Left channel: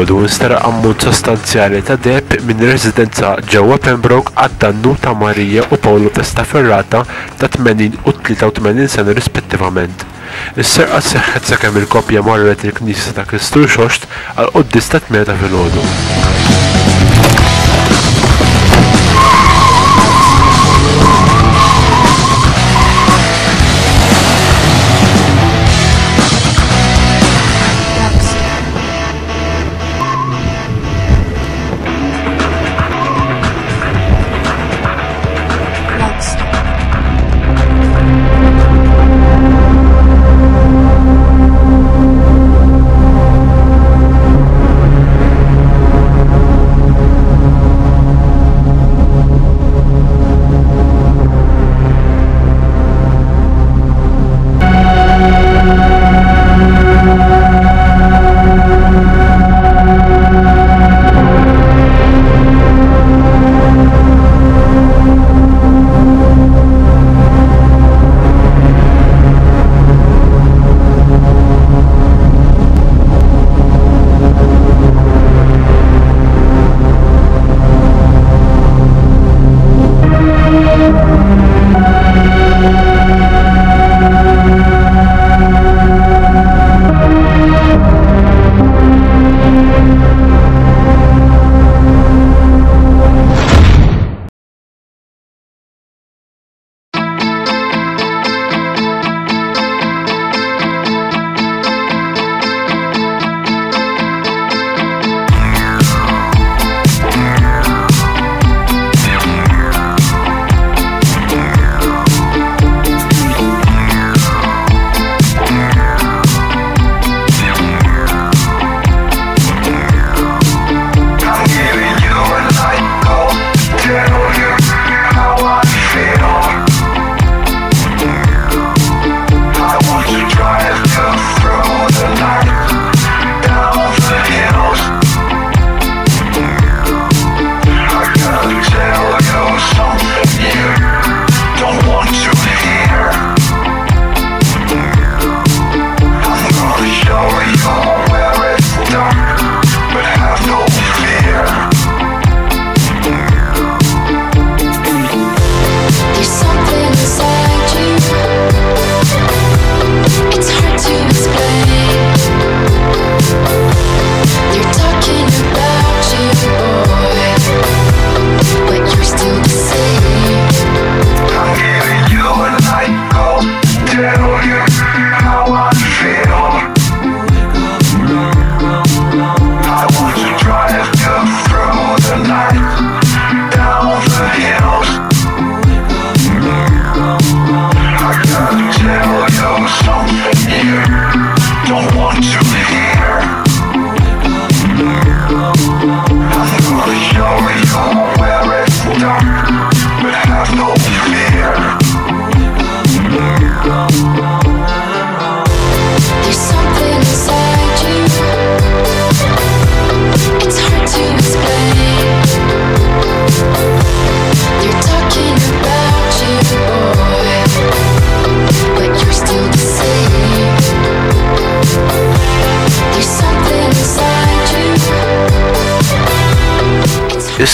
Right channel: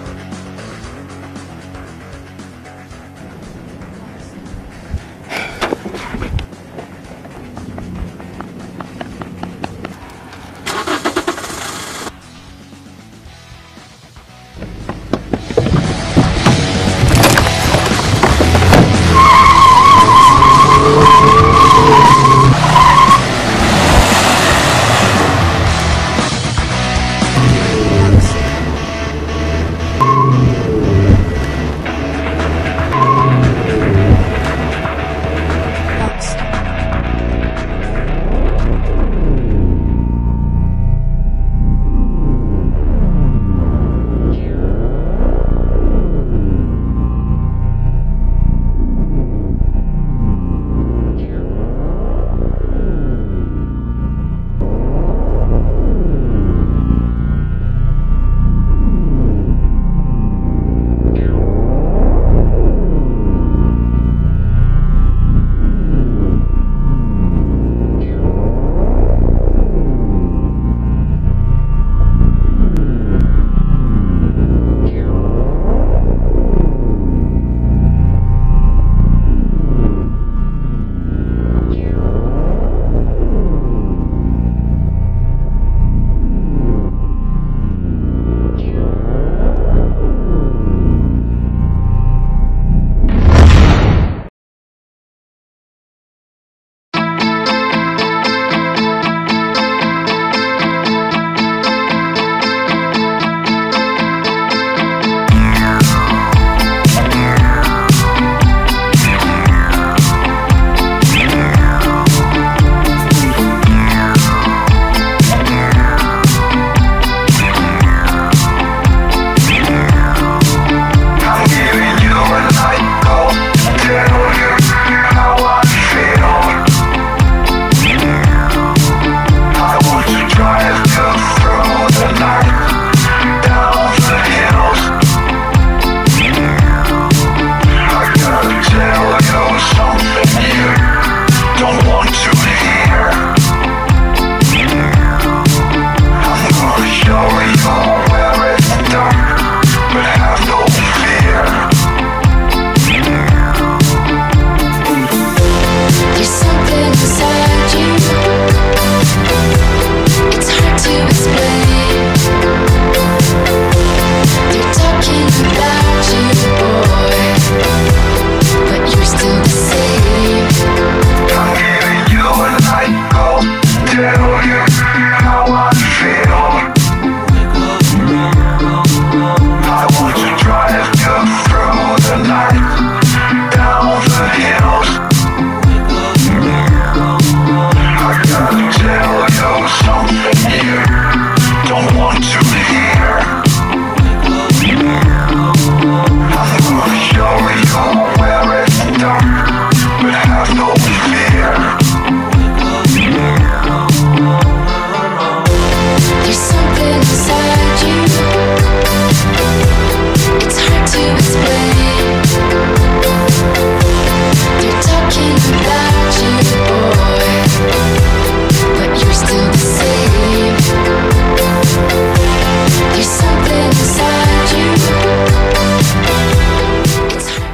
filgħodu nsteraq ammont sostanzjali ta' deheb minn residenza ġewwa Pembroke għad-dannu ta' Marija u Paolo Testaferrata ta' 80 u 83 sena rispettivament. Is-serqa seħħet sakemm il-koppja marret il-Knisja ta' Kristu Xoxt għal qudies ta' 8 ta' filgħodu.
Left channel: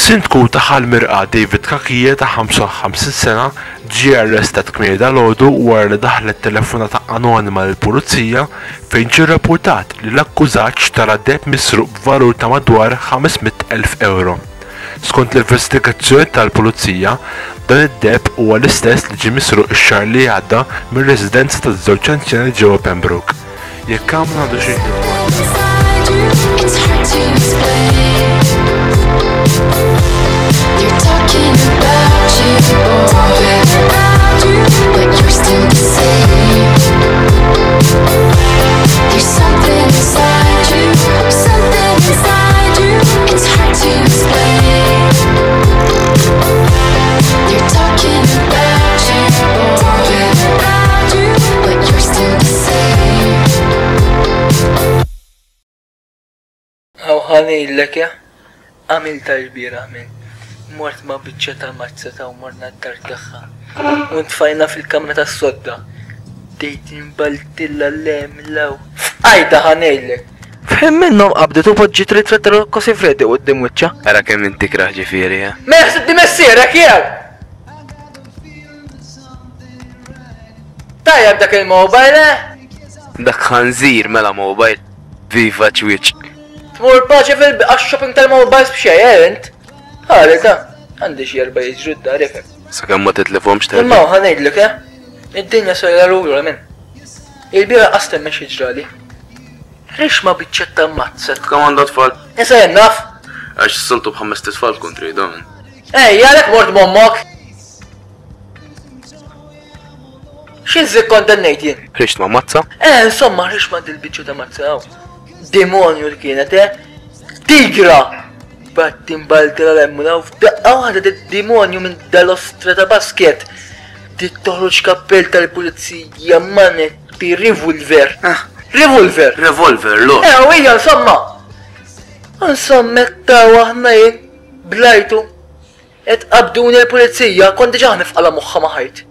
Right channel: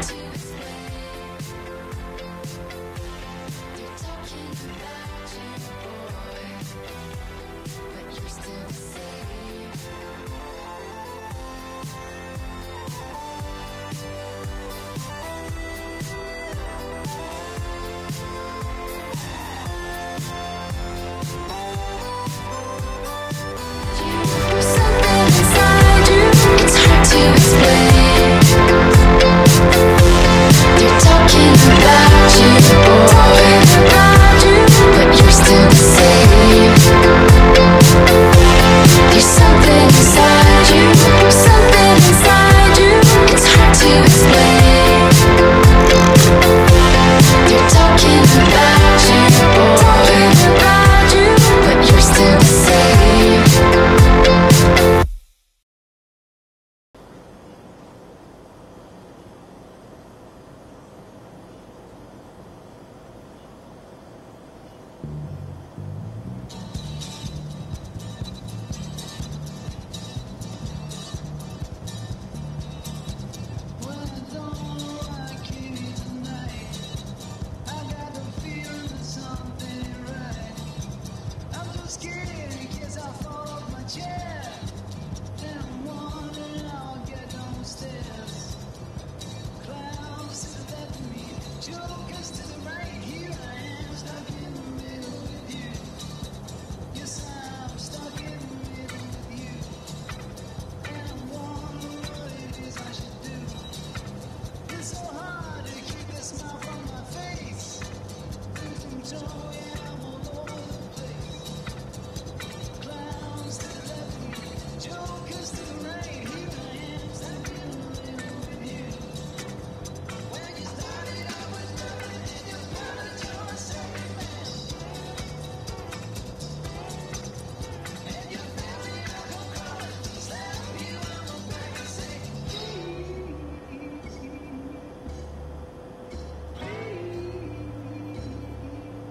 Is-sindku ta' Ħalmirqa David Kakija ta' 55 sena ġie arrestat kmieni dalgħodu wara li daħlet telefonata anonima lill-pulizija fejn ġie rrappurtat li l-akkużat xtara deheb misruq b'valur ta' madwar 500,000 euro. Skont l-investigazzjoni tal-pulizija, dan id-deheb huwa l-istess li ġie misruq ix-xahar li għadda mir-residenza taż-żewġ anzjani ġewwa Pembroke. Jekk hawn għandu xi They're talking about you, but you're still the same. There's something inside you, it's hard to explain. They're talking about you, but you're still the same. How honey, lekja? Għamil tal-bira għamil. Mort ma bieċa tal-mazza ta' morna d-dar taħħa. Untfajna fil-kamra ta' sodda. Dejt imbaltilla l-lem law. Għajda ħanejlek. Fem minnhom qabdet u poġġi trit Rocco Siffredi qudiem wiċċa. Ara kemm inti kraħ ġifieri, ha? Ma jaħseb di messierek jgħal! Tajjeb dak il-mobile, Dak ħanżir mela mobile. Viva ċwiċ. Tmur paċi fil-shopping tal-mobiles b'xej, ent? Ħalika, għandi xi erba' jiġru d-darek. Sakemm ma titlifhomx ta' Imma ħanejdlek, id-dinja sojra rura minn. Il-bira qastem minn xiġrali. Rix ma biċċetta mazzet. Kemm għandha tfal? Issa jennaf? Għax s-siltu b'ħames tfal kontri dan. Ej, għalek mort mommok. Xinżik kondannejt jien? Rix ma mazza? Insomma, rix ma dil-biċċu ta' mazzaw. Demonju li kienet, Tigra! Battin baltira l-emmuna u f'daqqa waħda d-demonju minn dal-ostra ta' basket. Tittoħroġ kappell tal-pulizija manet bi revolver. Revolver! Revolver, lo. U hija insomma! Insomma, ta' waħna jien blajtu. Et qabduni l-pulizija, konti ġaħni f'qala moħħa maħajt.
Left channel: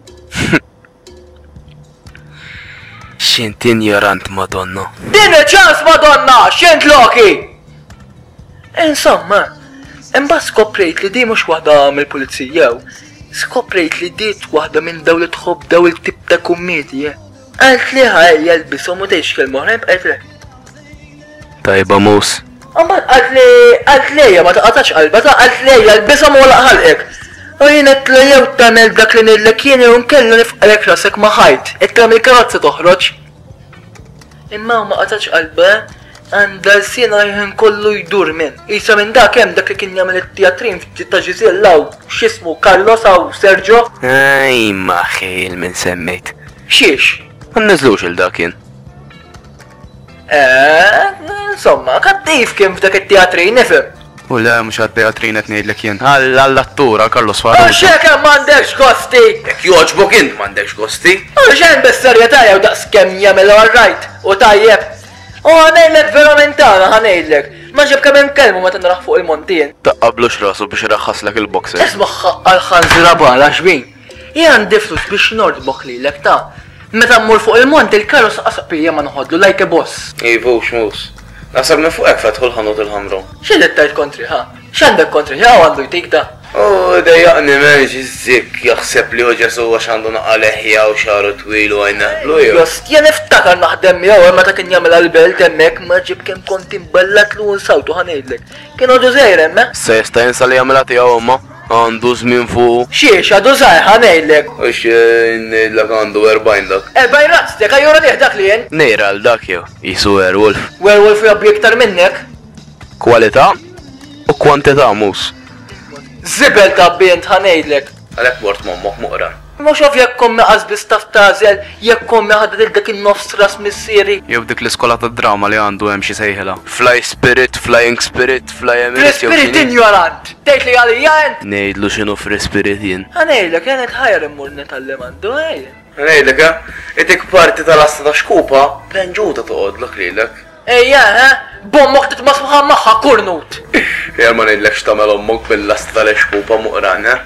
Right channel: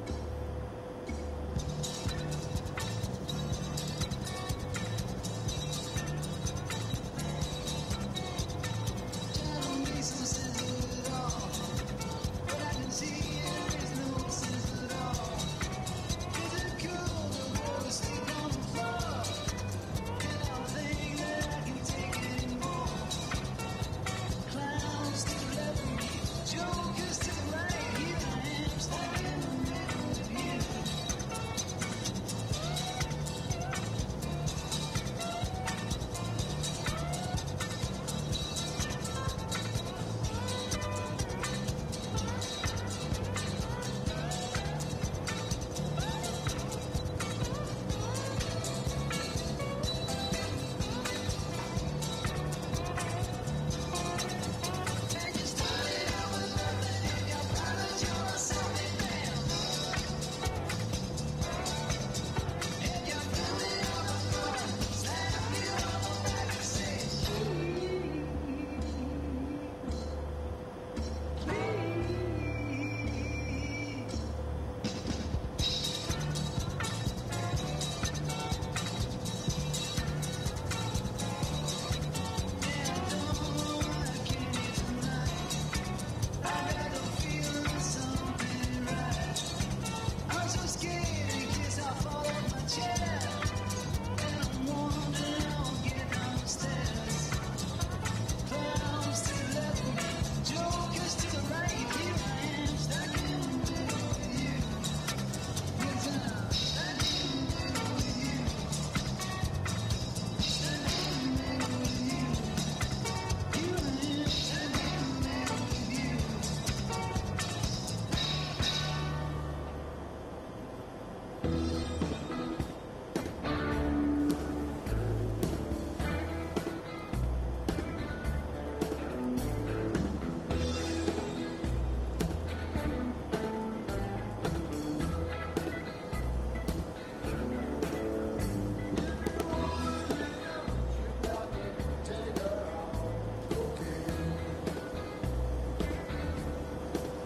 X'int ignorant Madonna. Din ċans madonna, xint loki! Insomma, imba skoprejt li di mux wahda mill-pulizija, skoprejt li di wahda minn daw li tħobb daw il-tip ta' kummedja. Għalt li ħaj jalbisom u teħx kelmoħrem, għalt li. Tajba mus. Amma għalt li ma taqatax qalba ta' għalt li jalbisom u laqħalqek. U jien t-lejew tamel dak li nillek jien u nkella nifqalek rasek maħajt, it-tamel karozza toħroġ. Imma ma qatax qalba, għanda l-sina jħin kollu jdur minn. Isa minn dak hemm dak li kien jagħmel it-teatrin ta' Ġiżilla u x'ismu Carlos u Sergio. Aj maħil minn semmejt. Xiex? Għannizlux il-dakin. Insomma, kattif kien f'dak it-teatrin nifhem. U le, mux għad-teatrin qed ngħidlek jien. Għall-attura Carlos Farrugia. Xek m'għandekx gosti! Jekk joġbok int m'għandekx gosti. Xejn bis-serjetà jew daqs kemm jagħmel all-right u tajjeb. U ħanejlek veramentana ħanejlek. Ma ġib kemm inkellmu meta nraħ fuq il-montin. Taqqablux rasu biex iraħħaslek il-boxer. Isma' għal-ħanżira bala xbin. Jien għandi flus biex nordbok lilek ta' meta mmur fuq il-mont il-karus qasabija ma noħodlu like a boss. Ivu xmus. Nasab minn fuq fetħu l-ħanut il-ħamru. X'għidet tajt kontri ħa? X'għandek kontri ħa għandu jtik ta'? Oh, dejjaqni menġ zik jaħseb li uġesu għax għandu naqqa leħja u xaru twil u għajna. Just jen iftakar naħdem jew meta kien jagħmel għal-belt hemmhekk ma ġib kemm kont imballat lu nsawtu ħanejdlek. Kien għadu żejr hemmhekk? Se jista' jinsa li jagħmilha tiegħu imma għandu żmien fuq. Xiex għadu żgħar ħanejdlek. U ngħidlek għandu 40 dak. 40 razztek għajjura diħ dak li jien. Nejra għal dak jew, jisu werewolf. Werewolf jabbi iktar minnek. Kwalità u kwantità mus. Zibel ta' bint ħanejdlek. Għalek bort mommoħ muqra. Ma xof jekk kommi qasbis taf tażel, jekk kommi ħadet dak in-nofs ras missieri. Jew dik l-iskola ta' drama li għandu hemm xi sejħela. Fly Spirit, Flying Spirit, Fly Emirates. Spirit ignorant. Tgħid li għalija ent. Ngħidlu x'inhu Free Spirit jien. Ħanejdlek jien ħajr immur netallem għandu ej. Ngħidlek itik parti tal-asta ta' xkupa, plenġuta toqgħodlok lilek. Ejja, bommok titmasmuħa maħħa kurnut. Jgħal ma ngħidlek x'tagħmel ommok bil-lasta tal-xkupa muqrana.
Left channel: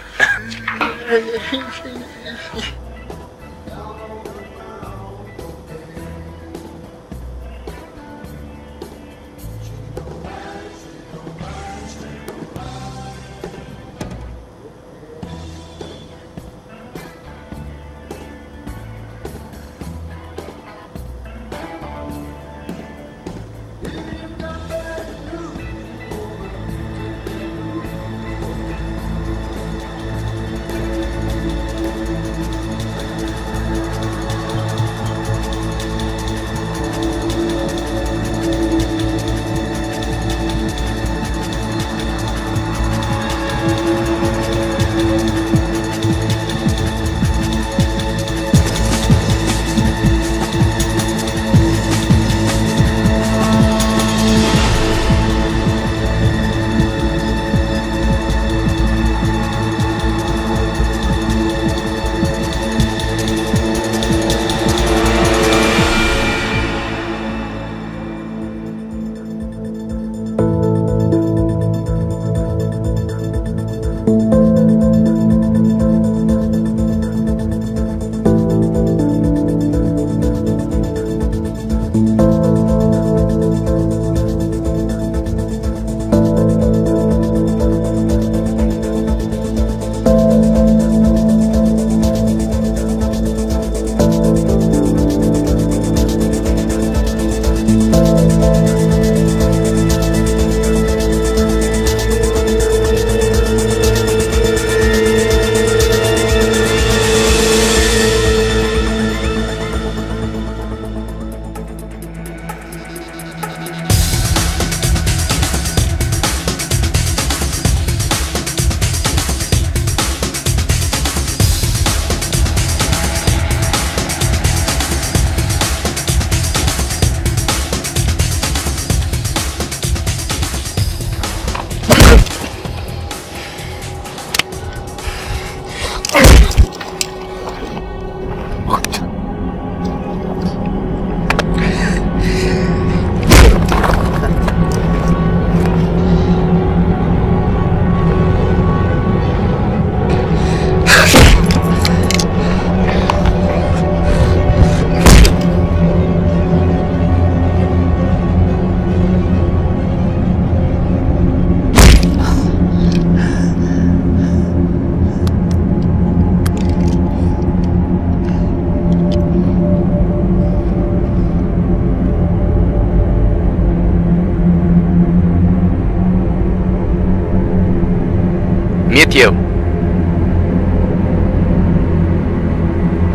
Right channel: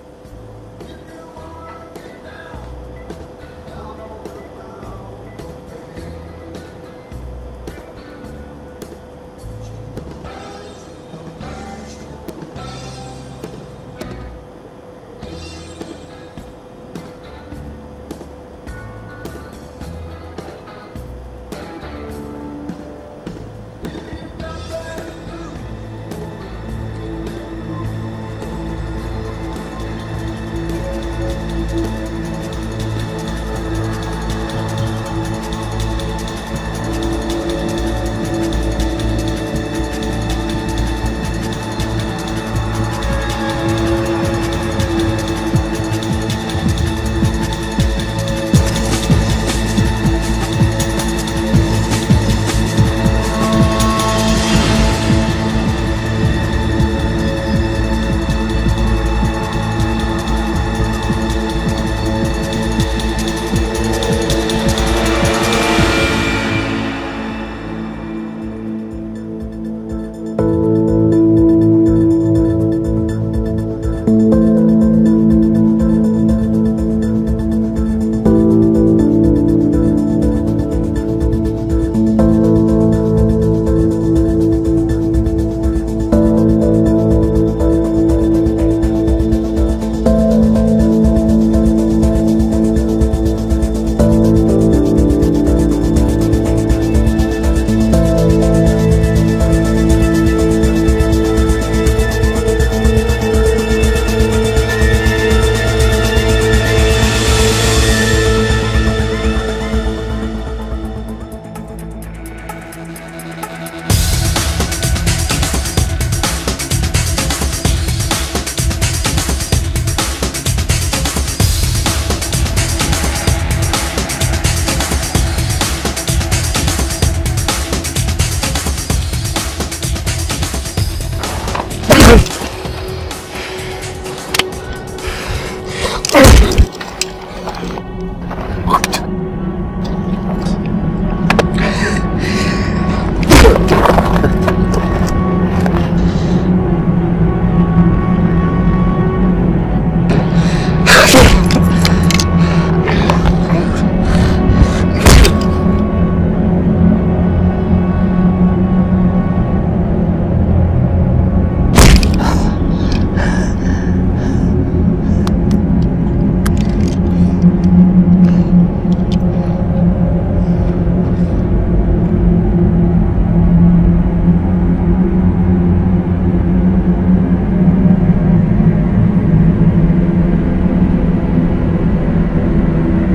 wieħed jew.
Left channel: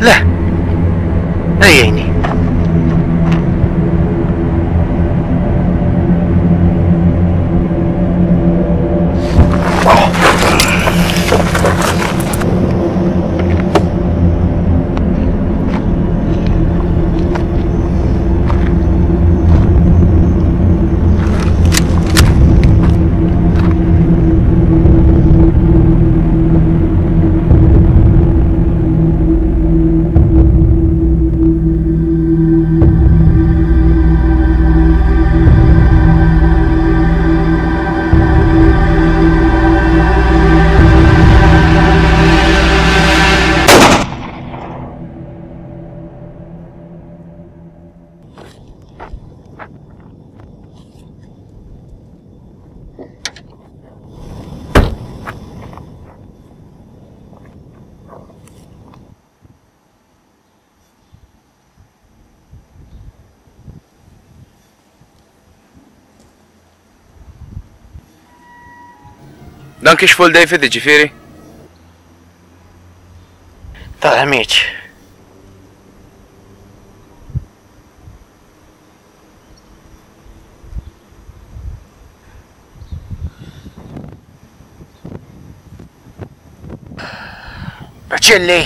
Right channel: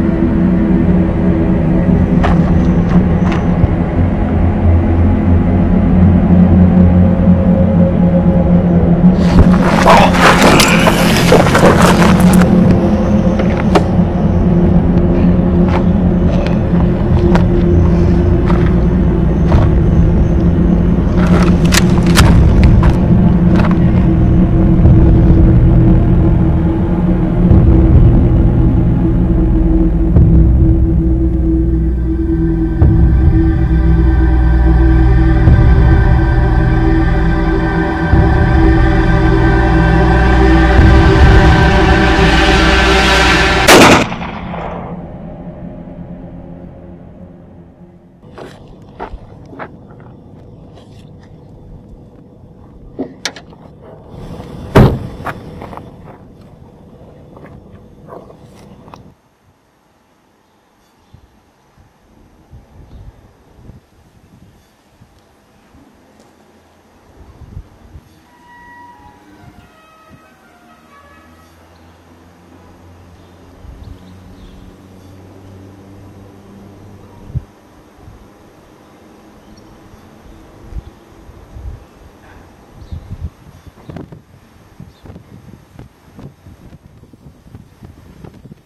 Le. Ejjejni. Dan kiex full David ġifieri? Ta' amiċ. Ċilli.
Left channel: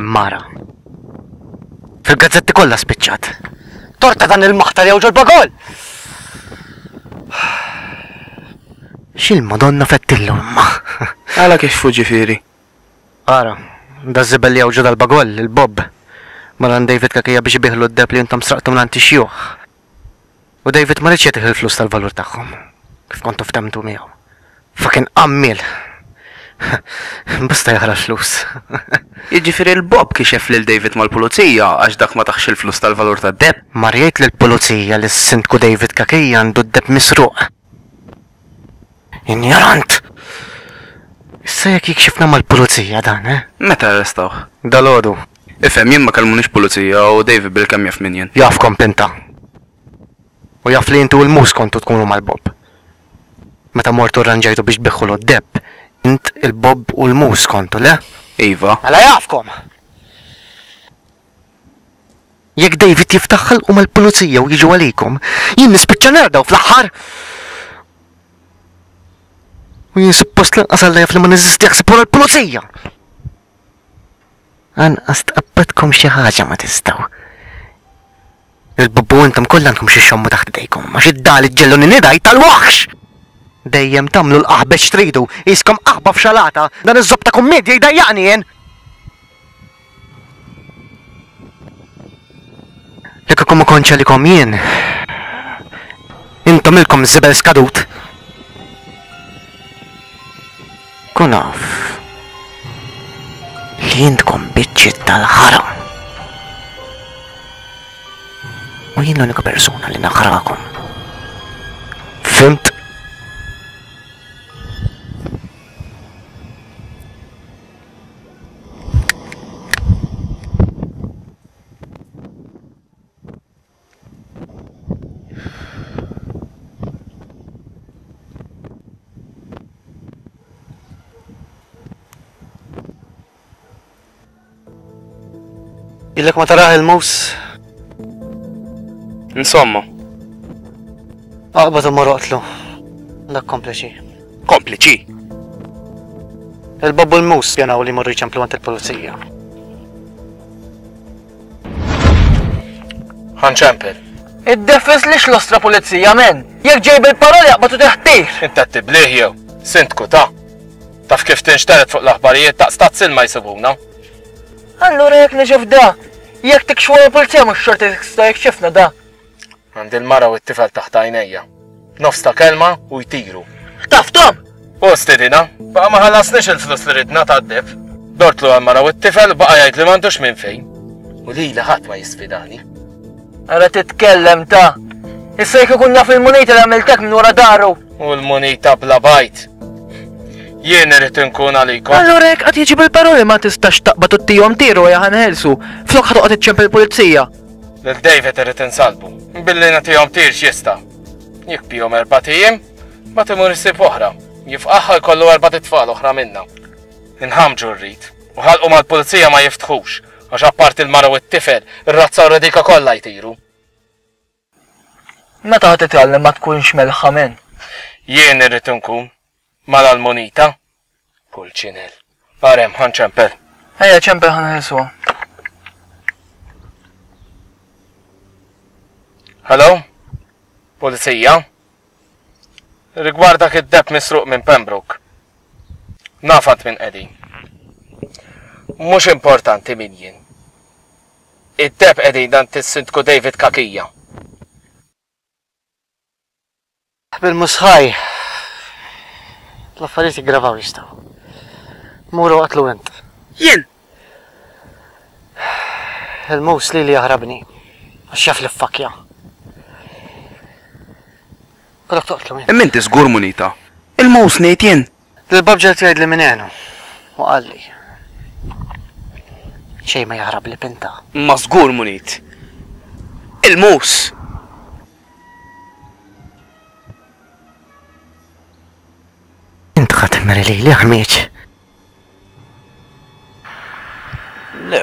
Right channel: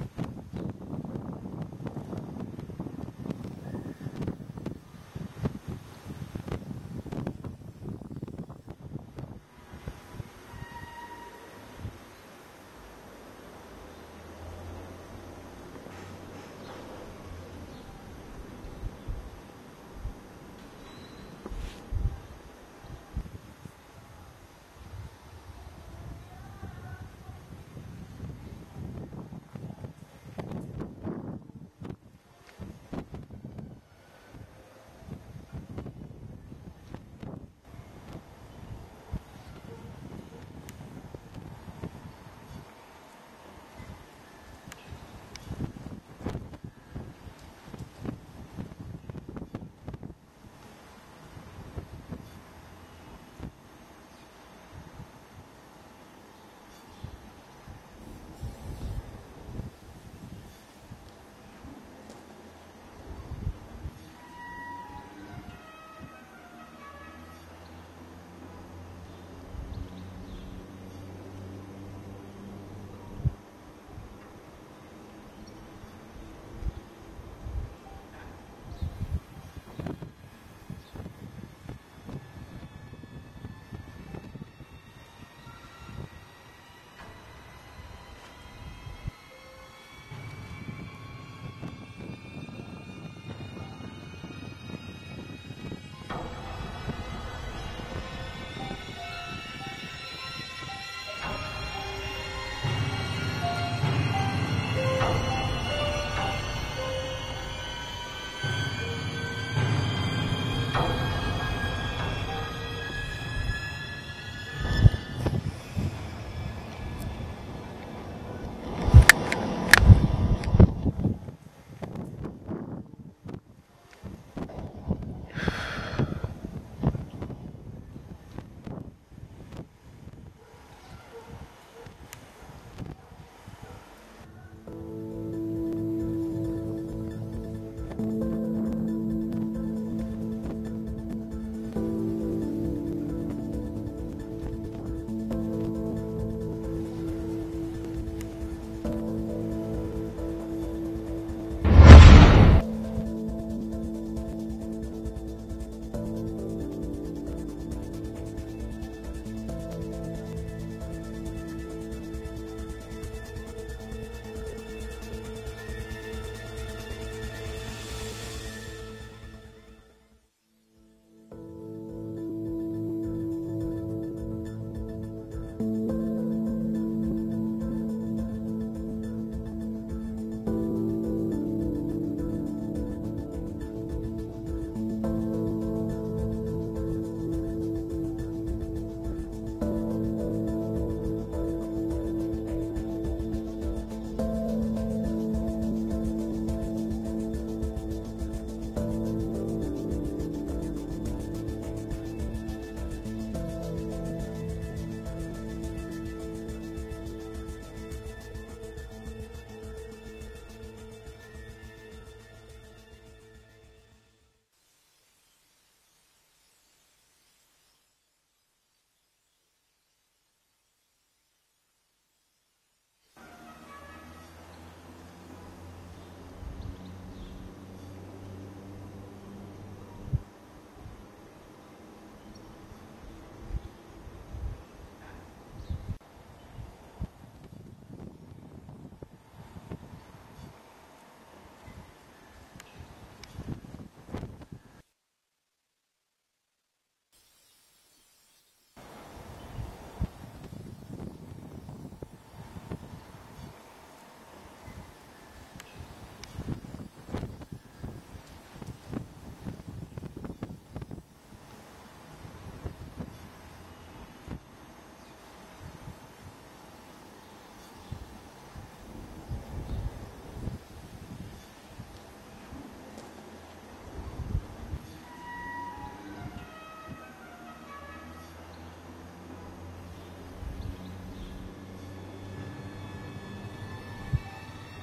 Mara. Fil-gazzetti kollha spiċċat. Torta dan il-maħtar jew ġol bagol! X'il-Madonna fettillu imma. Għala kif fu ġifieri? Ara, da żibel jew ġol dal-bagol, il-Bob. Maran David kakija biex ibiħlu d-deb li intom sraqtum l-antixjuħ. U David ma rridx jagħtih il-flus tal-valur tagħhom. Kif kontu ftemtu miegħu. Fakin qammil. Basta jaħra flus. Jiġifieri l-Bob kixef lil David mal-pulizija għax dak ma taħx il-flus tal-valur tad-deb. Marjajt lill-pulizija li s-sindku David kakija għandu d-deb misruq. Injarant! Issa jekk jikxifna mal-pulizija dan, Meta arrestawh? Dal-għodu. Ifhem jien ma kellmunix pulizija u David bil-kemm jaf min jien. Jafkom pinta. U jaf li intu l-mus kontu tkunu mal-Bob. Meta mortu rranġajtu biex biħħu d-deb, int il-Bob u l-mus kontu, le? Iva. Għala jafkom! Jekk David jiftaħħal u mal-pulizija u jiġu għalikom, jien nispiċċa nerdaw fl-aħħar. U jien suppost lanqas alla jaf li ma niżisti jaħseb wara l-pulizija. Anqas tqabbadkom xi ħaġa ma tistgħu. Il-bubbu intom kollha għandkom xi xommu taħt idejkom, għax id-dal iġġellu nidaj tal-waħx! Dejjem tagħmlu l-qaħbeġ tridu, jiskom qaħba f'xalata, dan iż-żob ta' kummedja jdajjaqni jien! Jekk ikun ma kontx għalikom jien, intom ilkom żibel skadut. Kun naf li jintkom biċċiet tal-ħaram. U jien l-unika persuna li naħrakom. Fimt? Illek ma taraħ il-mus. Insomma. Aqbad u moroqtlu. Dak kompliċi. Kompliċi? Il-Bob u l-mus pjanaw li morru jċemplu għant il-polizija. ħanċempel. Id-defis lix l-ostra polizija, men. Jek ġejb il-paroli jaqbatu teħtir. Inta t-tibliħ jew. Sintku ta' taf kif tinxteret fuq l-aħbarijiet ta' stat ma jisibuna. Allura jek neġef da. Jek tikxu l-polizija mux xorti sta jek xifna da. Għandi l-mara u t-tifel taħt għajnejja. Nofs ta' kelma u jtiru. Taftom! U stedina, baqa ma ħallasniex il-flus li ridna ta' d-deb. Dortlu għal-mara u t-tifel baqa jgħid li m'għandux minn fejn. U li ħadd ma jisfidani. Għara titkellem ta' issa jek ikun naf il-munita li għamiltek minn wara daru. U l-munita bla bajt. Jien irrid inkun għalikom. Allura jek għat jieġi bil-paroli ma tistax taqbad u t-tijom tiru jaħan ħelsu. Flok ħatoqgħod iċċempel il-pulizija. Lil David irrid insalbu. Billi nagħtihom tirġ jista'. Jekk bihom 4 ijiem, ma timur issib oħra. Jifqaħħa jkollu 4 tfal oħra minnha. Inħamġu rrid. U ħalqu mal-pulizija ma jiftħux. Għax apparti l-mara u t-tifel, ir-razza u redika kollha jtiru. Meta ħad titgħallem ma tkunx melħamen. Jien irrid inkun mal-Almonita. Pulċinel. Arem, ħanċempel. Ejja ċempel ħanħelsu. Hello? Pulizija? Rigwardak id-deb misruq minn Pembroke. Nafant minn qegħdin. Mhux importanti min jien. Id-deb qegħdin dan tis-Sindku David Kakija. Bil-musħaj. L-affarijiet jiggravaw jistgħu. Muru qatlu int. Jien! Il-mus li jaħrabni. Għax jaf li f-fakja. Għalak toqtlu int. Imminti żgur Munita. Il-mus ngħid jien. L-babġa tgħid li minn għenu. U qalli. Xej ma jaħrab li pinta. Ma żgur Munit. Il-mus. Int ħatemmer li ħmieċ. Le,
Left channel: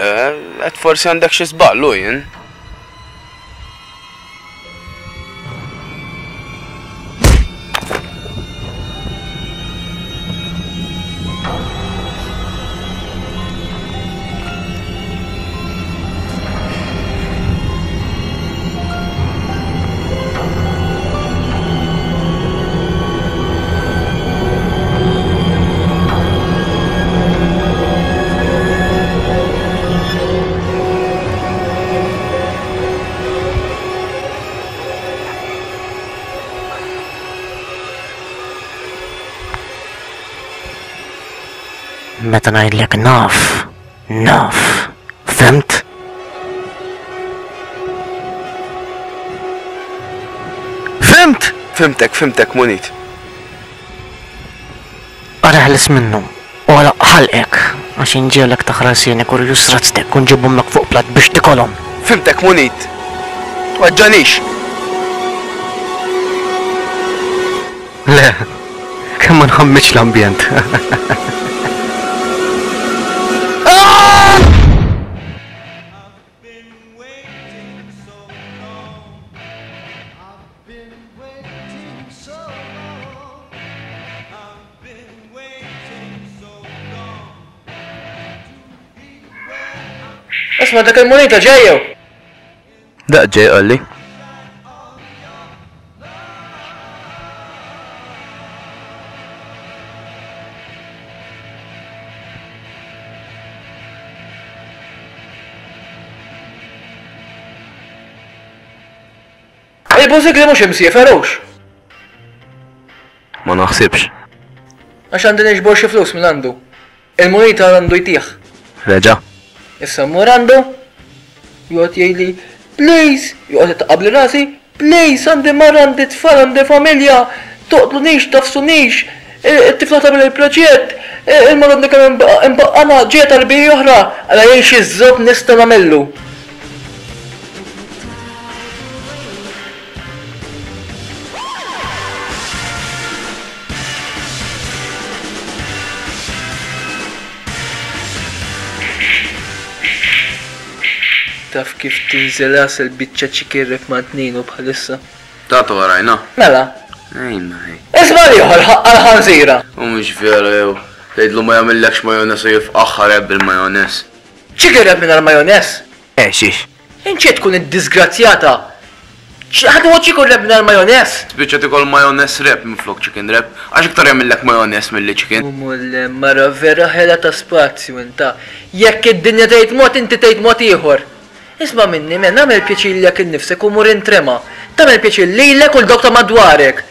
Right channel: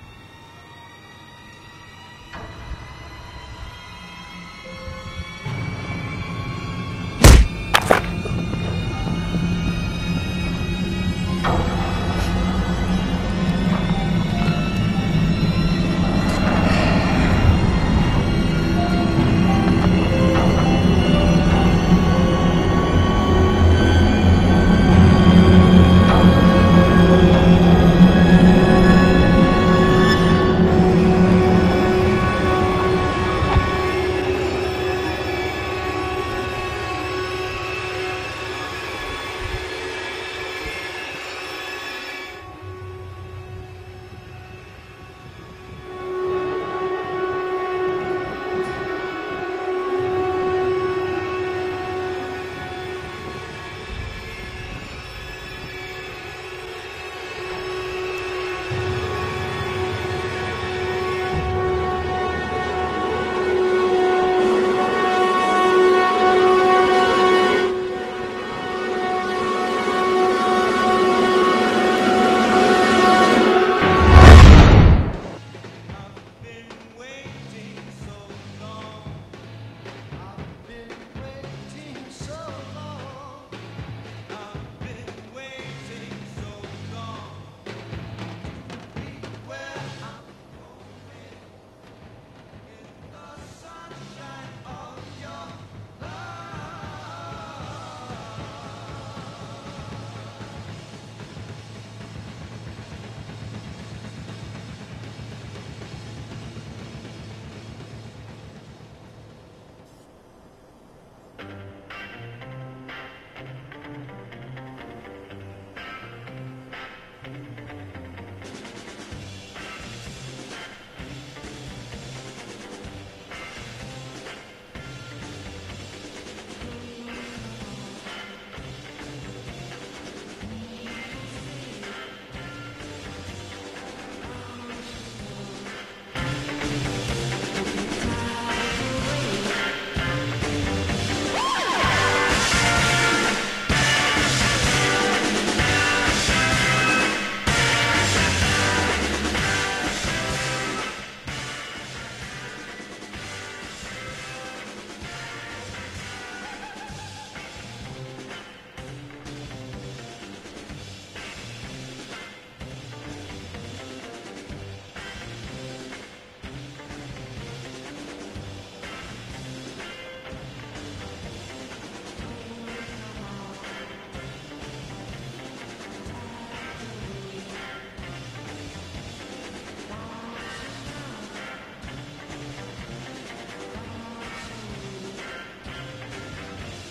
qed forsi għandek xi żballu jien. Meta ngħidlek naf. Fimt? Fimt! Fimtek Munit. Araħlis minnu. U għala ħalqek. Għax inġielek taħrasienek u jusrazztek u nġibhomlek fuq plat biex tikolhom. Fimtek Munit. Waġġanix. Le, kemm ma nħammitx l-ambjent. Isma' dak il-Munita ġejjew. Daq ġej qalli. Il-bużikli mhux imsieferux. Ma naħsibx. Għax għandi niġbor xi flus minn għandu. Il-Munita għandu jtieħ. Reġa'. Issa mmur għandu. Joqgħod jgħidli, please, joqgħod itqabli rasi, please, għandi marra, għandi tfal, għandi familja, toqtlunix, tafsunix, it-tifla tagħmel il-proġett, il-marra għandi kemm imbaqqana ġiet arbija oħra, għala jgħix iż-żob nista' nagħmellu. Taf kif tinżel ras il-biċċa ċikirrek ma' tninu bħalissa. Tatu għarajna. Mela, Ejna. isma' liħor għal-ħanżira. U mhux vera jew. Tgħidlu ma jagħmellekx majones u jifqaħħar bil-majones. ċikirrek minn għal-majones. Xiex. Inċi tkun id-disgrazzjata. ħadu għu ċikirrek minn għal-majones. Spiċċa tikol majones rep minflok chicken rep. Għax iktar jagħmellek majones milli chicken. Mulle, mara vera ħela ta' spazju inta. Jekk id-dinja tgħid mod inti tgħid mod ieħor. Isma' minni men nagħmel pjaċir lek innifsek u mur intrema. Tagħmel pjaċir lilek u l-dok ta' madwarek.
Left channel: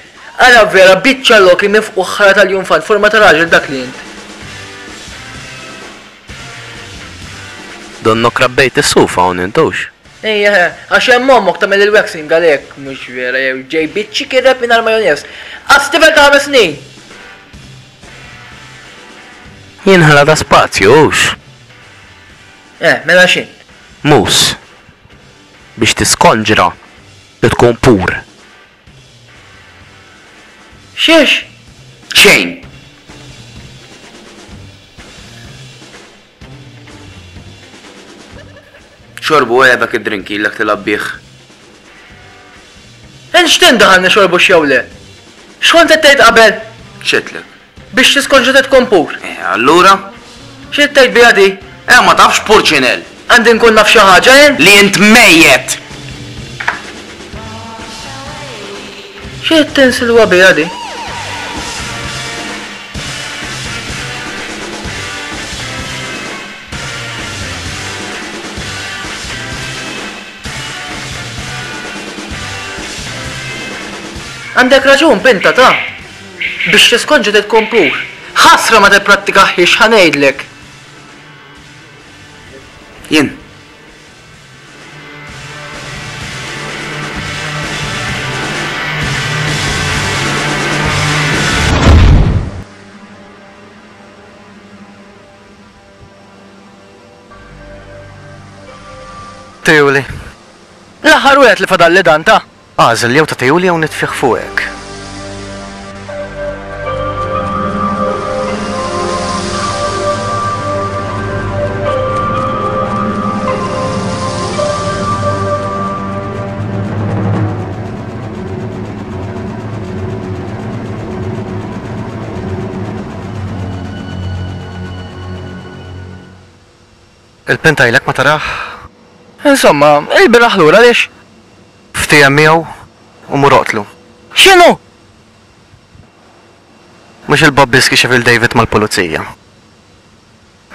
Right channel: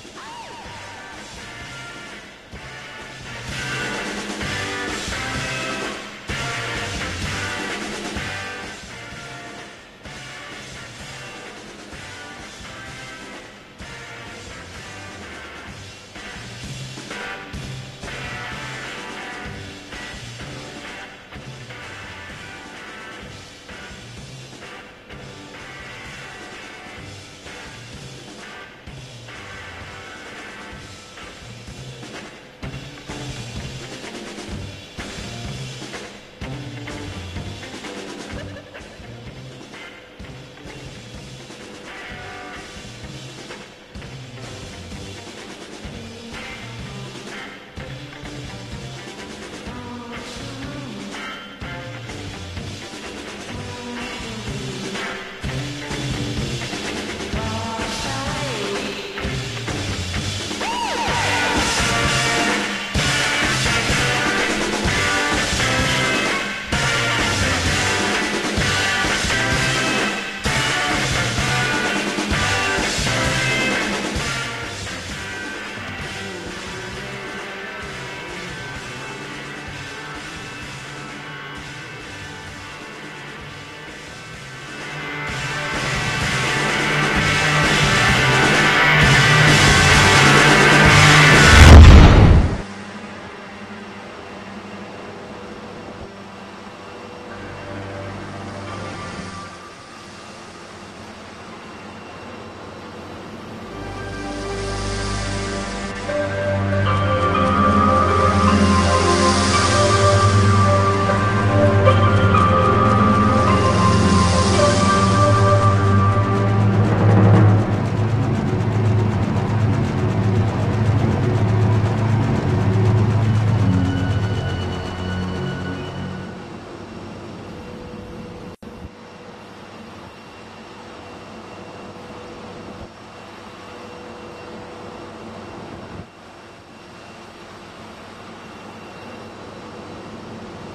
Ara vera biċċa loki mifqu ħara tal-junfan forma ta' raġel dak li int. Donnok rabbejt is-sufa hawn intux. Ejja, għax hemm ommok tagħmel il-waxing għalhekk mhux vera jew ġej biċċi kirreb minn għall-majones. Għastifel ta' 5 snin. Jien ħala ta' spazju hux. Mela xin. Mus. Biex tiskonġra. li tkun pur. Xiex? Xejn. Xorbu għebek id-drinki l-ek tilab bieħ. Enxtin daħalni xorbu xjawle? Xkont tejt qabel? ċetlek. Biex tiskonġu tkun pur. Allura? Xit tejt bijadi? Ma tafx purċinel. Għandi nkun naf xi ħaġa jen? Li jint mejjet. Xit tinsilwa bijadi? Għandek raġun, pinta ta' biex tiskonġu tkun pur. Ħasra ma tippratikaħiex ħanejdlek. Jien. Tejuli. L-aħħar wieħed li fadalli dan ta' Għażel jew ta' tejuli jew nitfiħ fuqek. Il-pintajlek ma taraħ? Insomma, il-biraħ lura lix? Ftija miegħu u muroqtlu. X'inhu? Mhux il-Bob Biski xef il-David mal-pulizija.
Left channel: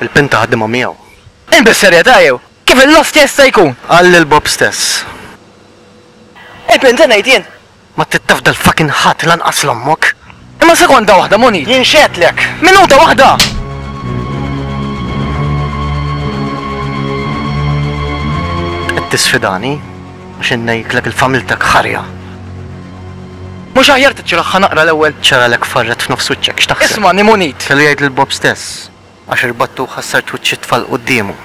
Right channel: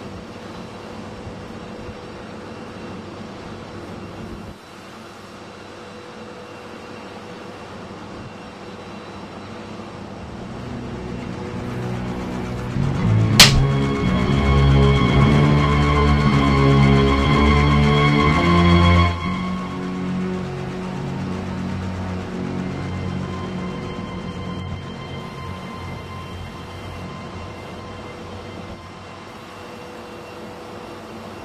Il-pinta ħaddimha miegħu. Inbis-serjetà jew? Kif il-lost jista' jkun? Għall il-Bob stess. Il-pinta ngħid jien. Ma tittaf dal-fucking ħadd lanqas l-ommok. Imma sekonda waħda Moni. Jinxetlek. Minuta waħda. Tisfidani għax innejklek il-familtek ħarja. Mhux aħjar tiċċiraħħa naqra l-ewwel. ċaralek farret f'nofs wiċċek x'taħseb? Isma' Munit. Kellu jgħid lil-Bob stess għax irbattu ħassart wiċċi tfal qudiemu.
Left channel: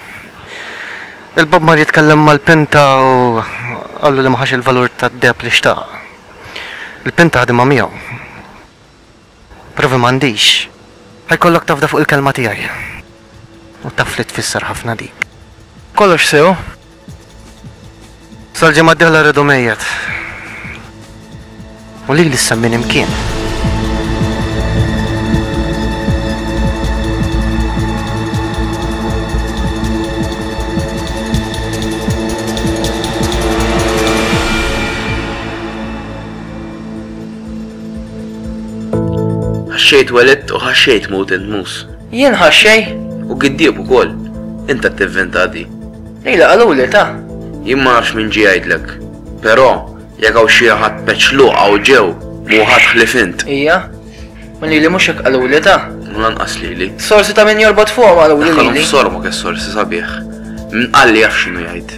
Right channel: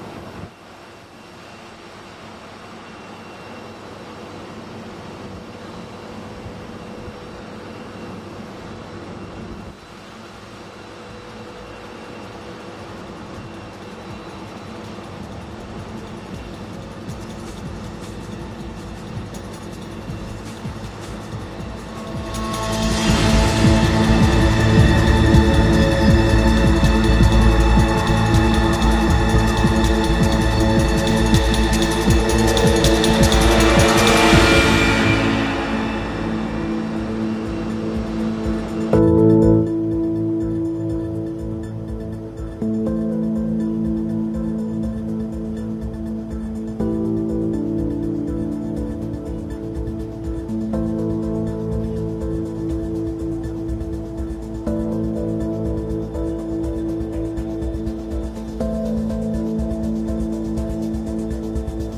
Il-Bob mar jitkellem mal-pinta u qallu li ma ħax il-valur tad-deb li xtaq. Il-pinta ħadimha miegħu. Provi m'għandix. Ħajkollok tafda fuq il-kelma tiegħi. U taf li tfisser ħafna dik. Kollox sew. Sal-ġemma d-dihla rridu mejjet. U li lissa minn imkien. Ħaxxejt weled u ħaxxejt mut mus. Jien ħaxxej. U giddieb ukoll. Inta t-tivventa di. Ejla qaluli ta' Jien ma nafx minn ġie jgħidlek. Però jekk hawn xi ħadd peċluqa u ġew mu ħadd ħlifint. Ija. Ma lili mhux hekk qaluli ta'. Ma lanqas lili. Sorsi ta' min jorbot fuqhom qaluli Daħħalhom lili. f'sormu kif sorsi sabiħ. Min qal li jaf x'inhu jgħid.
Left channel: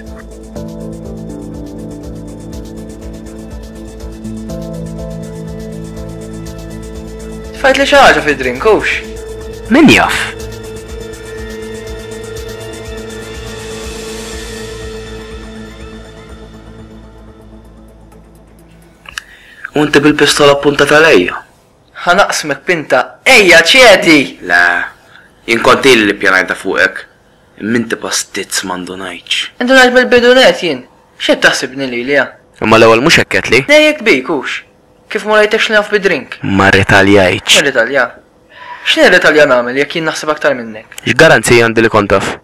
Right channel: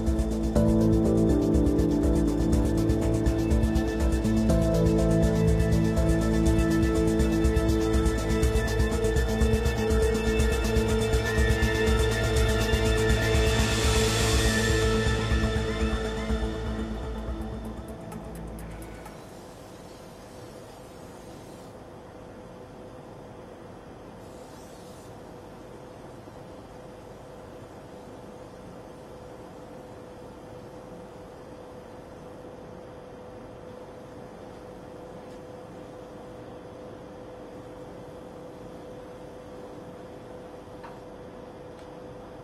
Tfajt li xi ħaġa fid-drinkux. Min jaf? U inti bil-pistola appuntata lejja. Ħanaqsmek pinta. Ejja ċedi! La, jien kont li pjanajta fuqek. Minti pastizz mandu ngħidx. Intu ngħid bil-bidunet jien. X'qed taħsibni lili ja? Imma l-ewwel mhux hekk qed li? Nejjek bikux. Kif ma rajtekx naf bid-drink? Ma rritaljajtx. X'Italja? X'nir Italja nagħmel jekk jien naħseb aktar minnek? X'garanzija għandi li kont taf?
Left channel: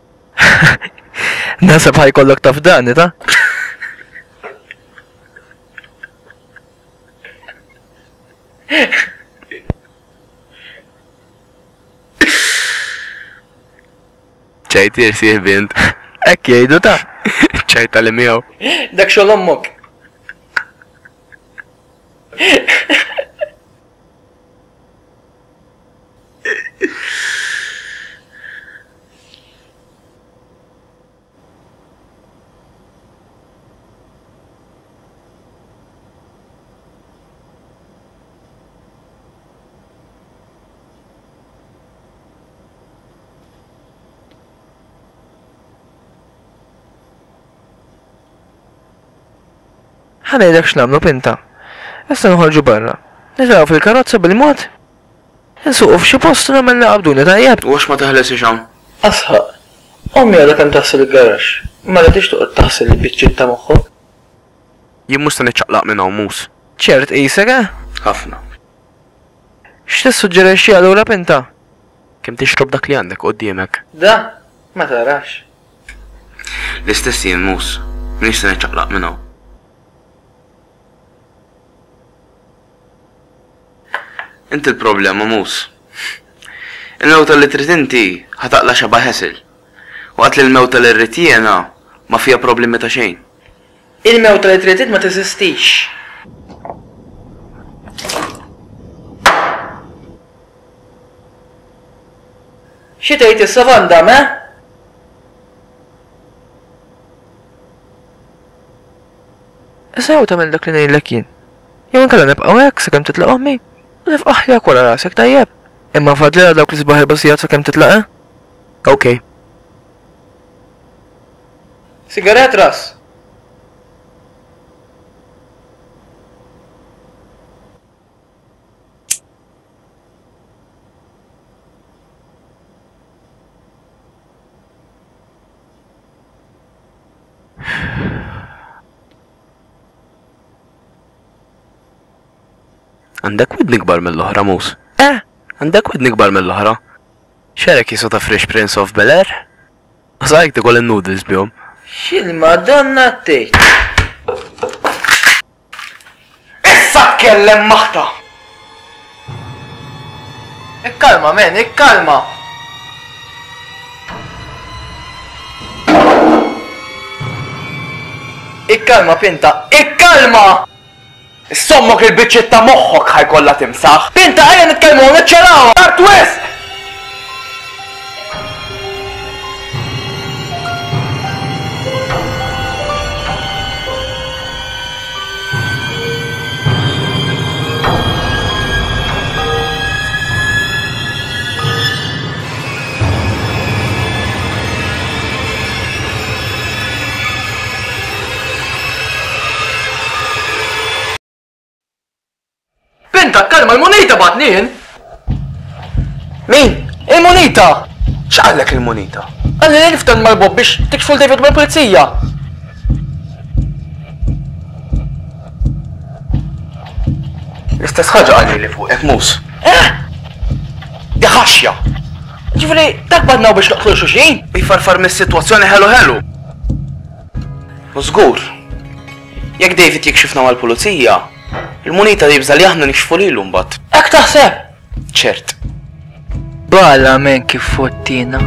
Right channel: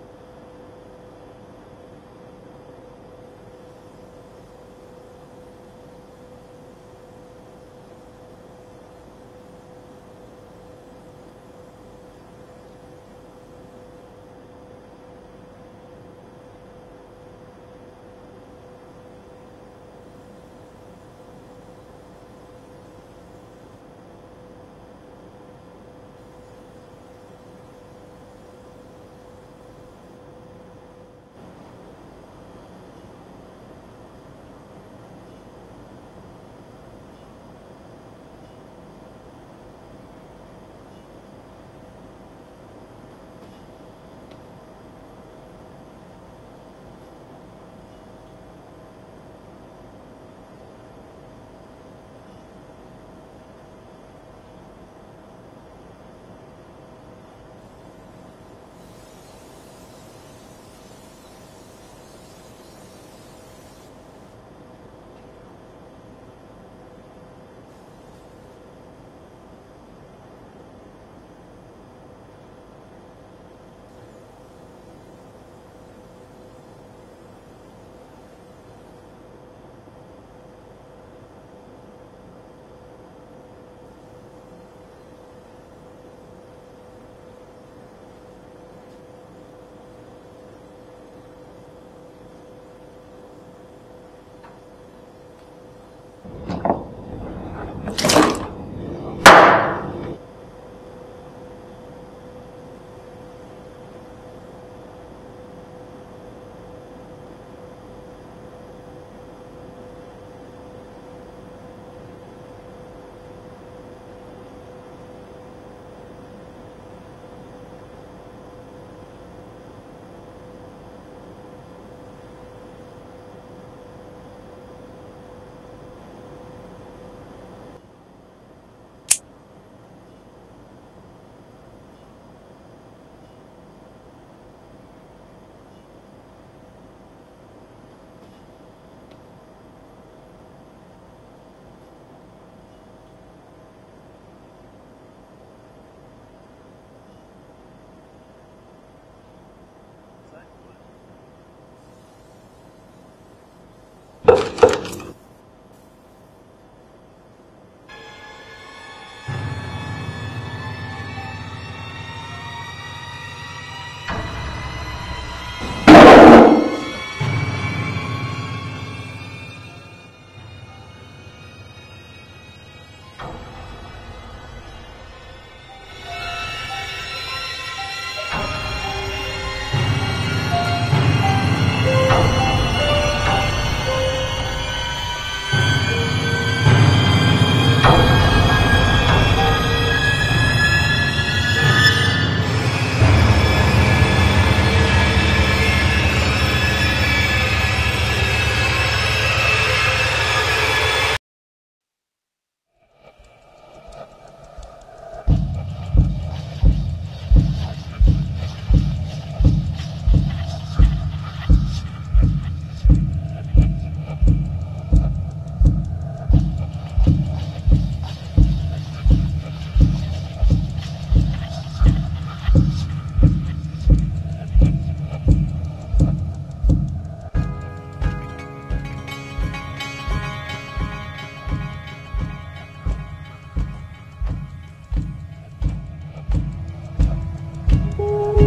Nasab ħajkollok taf dan, ta' ċajt jirsieħ bint. Ekk jgħidu ta' ċajta li miegħu. dak xogħol ommok. ħanajdek x'namlu Pinta. Issa nħorġu barra. Nitraw fil-karozza bil-mod. Nsuqu f'xi post nagħmel naqabduni tajjeb. U għax ma teħles ixam? Asħaq. Ommi għadha kemm taħsel il-garax. Ma rridx toqgħod taħsel il-biċċiet ta' moħħu. Jien mhux se niċċaqlaq minn hawn mus. ċert qisek Ħafna. X'tissuġġerixxi allura Pinta? Kemm tixrob dak li għandek quddiemek? Da, ma tarax. L-istess jien mus. Minix se niċċaqlaq minn hawn. Inti l-problema mus. Il-mewta li trid inti ħataqla xaba ħesil. Waqt li l-mewta li rrid jiena ma fija problemi ta' xejn. Il-mewta li trid ma teżistix. Xi tgħid issa Vandam, Issa jew tagħmel dak li ngħidlek jien. Jew inkella nibqgħu hekk sakemm titlaq ommi. Nifqaħ jak wara rasek tajjeb. Imma fadli dawk li sbaħ il-basijat sakemm titlaq, Okej. Sigaret ras. Għandek widni kbar mill-oħra mus? Għandek widni kbar mill-oħra? Xerek jisu ta' Fresh Prince of Bel-Air? Għazajk tikol il-noodles bjom. X'il-Madonna tgħid. Issa tkellem maħta! Ikkalma men, ikkalma! Ikkalma Pinta, ikkalma! Sommok il-biċċiet ta' moħħok ħajkollha timsaħ. Pinta ejja nitkellmu niċċaraw! Tard wisq! Pinta, kalma, il-monita batnin! Min? Il-monita! X'qallek il-monita? Għalli li niftan mal-Bob biex tikxfu l-David mal-Polizija! L-istess ħaġa għalli li fuqek mus. Di ħaxja! Ġifri, dak badnaw biex naqtlu xuxin? Bifarfar mis-sitwazzjoni ħelu. U żgur. Jekk David jikxifna mal-pulizija, il-munita jibżal jaħna nikxfu lilu mbagħad. Ek taħseb? ċert. Bala men kif fottina.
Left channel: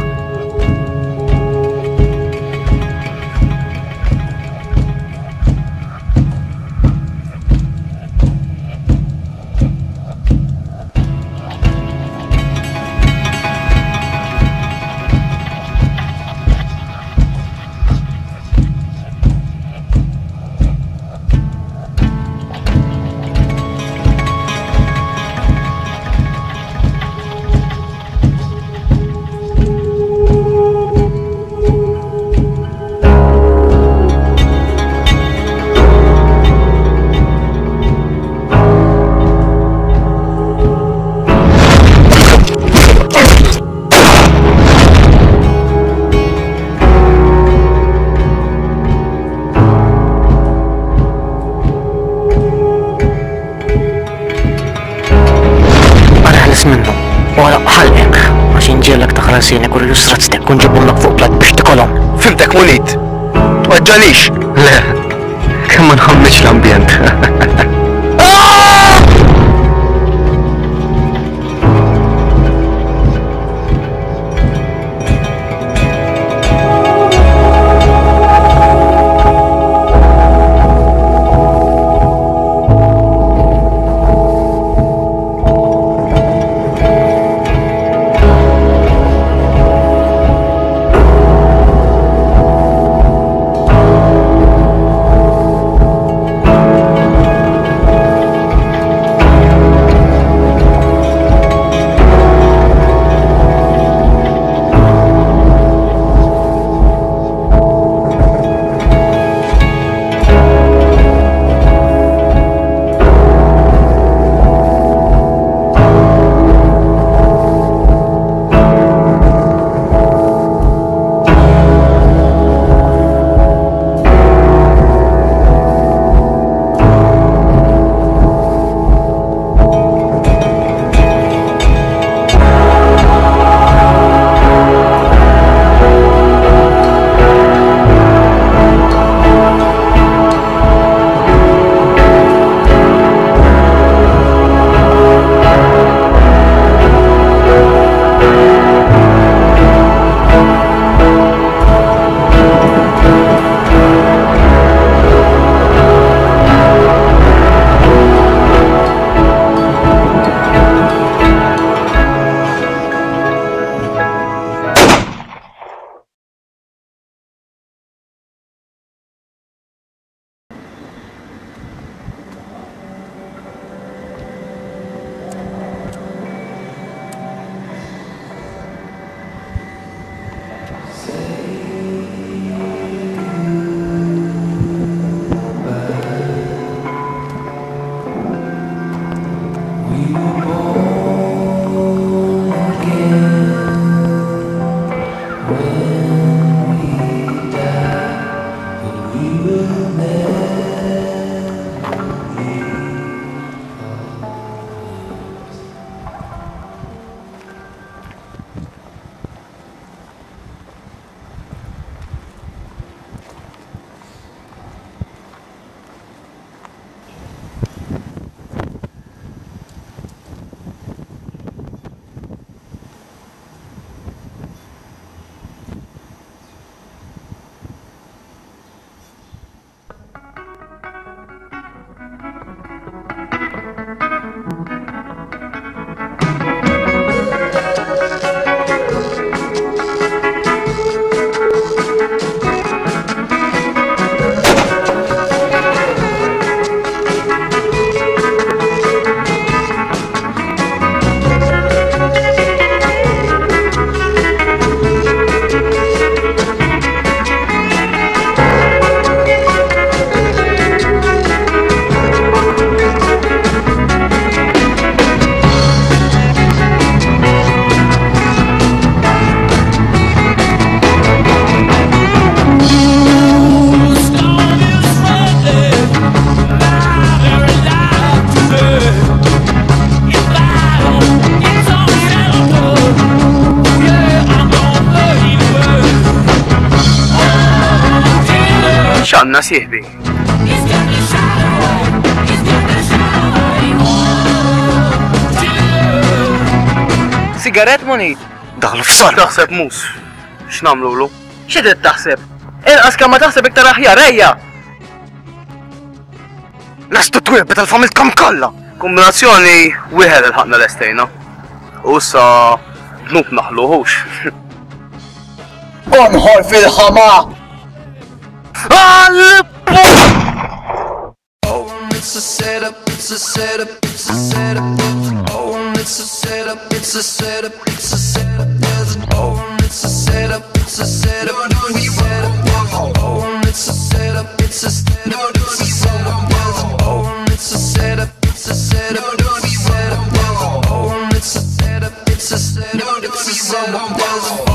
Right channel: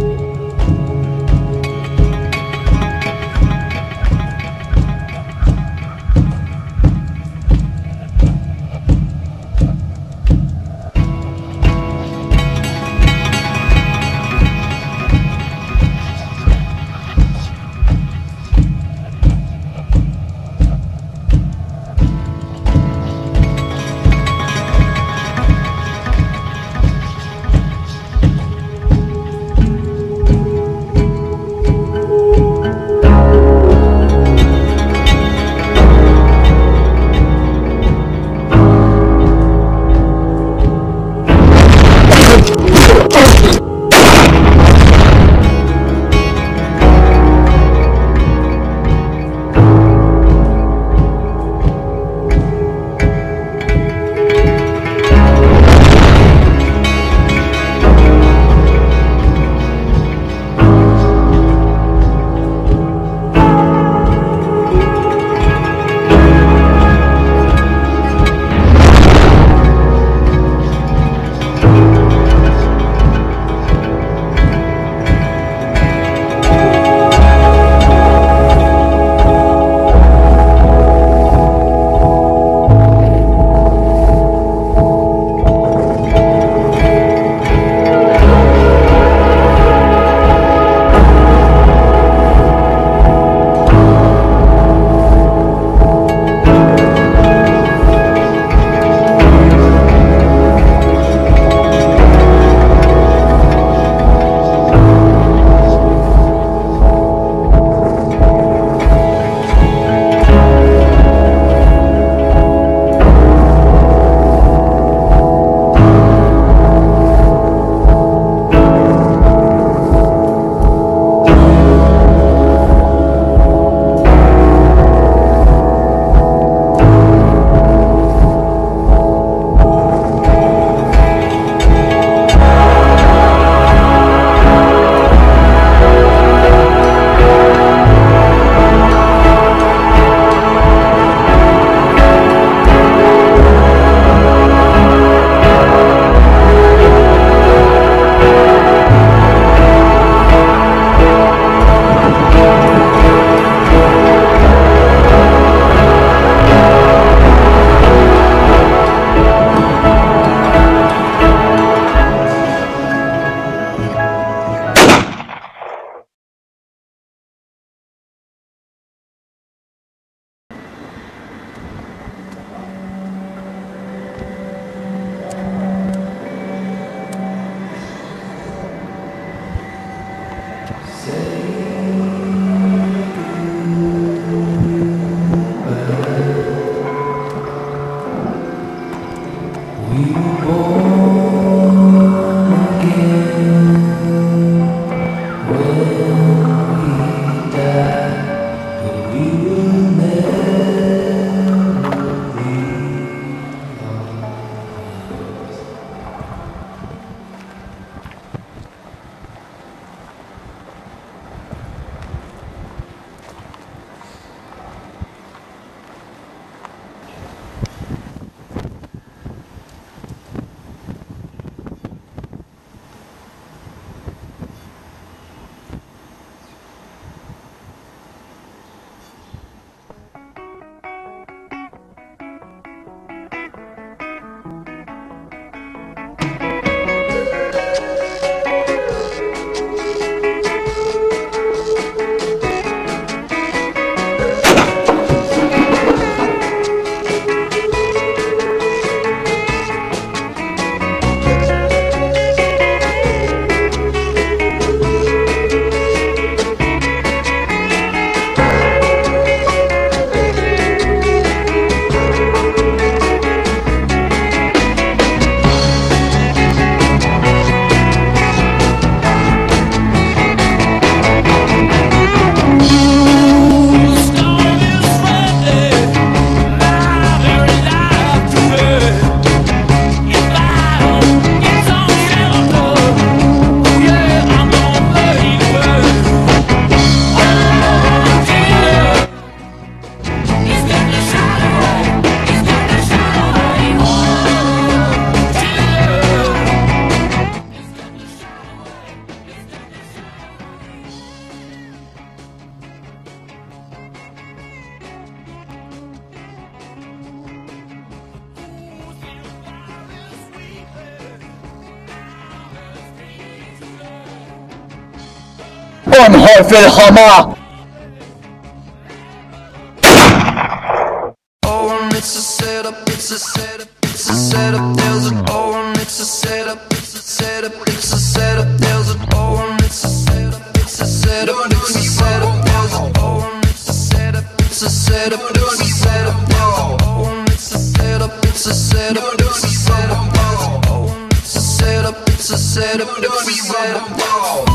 Jiena sieħbi. Sigaret Munit? Daħlu f'sar. Taħseb mus. X'namlu lu? X'trid taħseb? Inqas kemm ma taħseb iktar aħjar ejja! Lestu twiebet tal-familkom kollha. Kombinazzjoni wieħed il-ħaqna l-estejna. U issa dnub naħluħux. Onħor fil-ħama! It's a setup, it's a setup, it's a setup, there's an it's a setup, it's a setup, it's a setup, there's an it's a setup, it's a setup, it's a setup, there's an it's a setup, it's a setup, it's a setup, there's an it's a setup, it's a setup, it's a setup, there's an it's a setup, it's a setup, it's a setup, there's an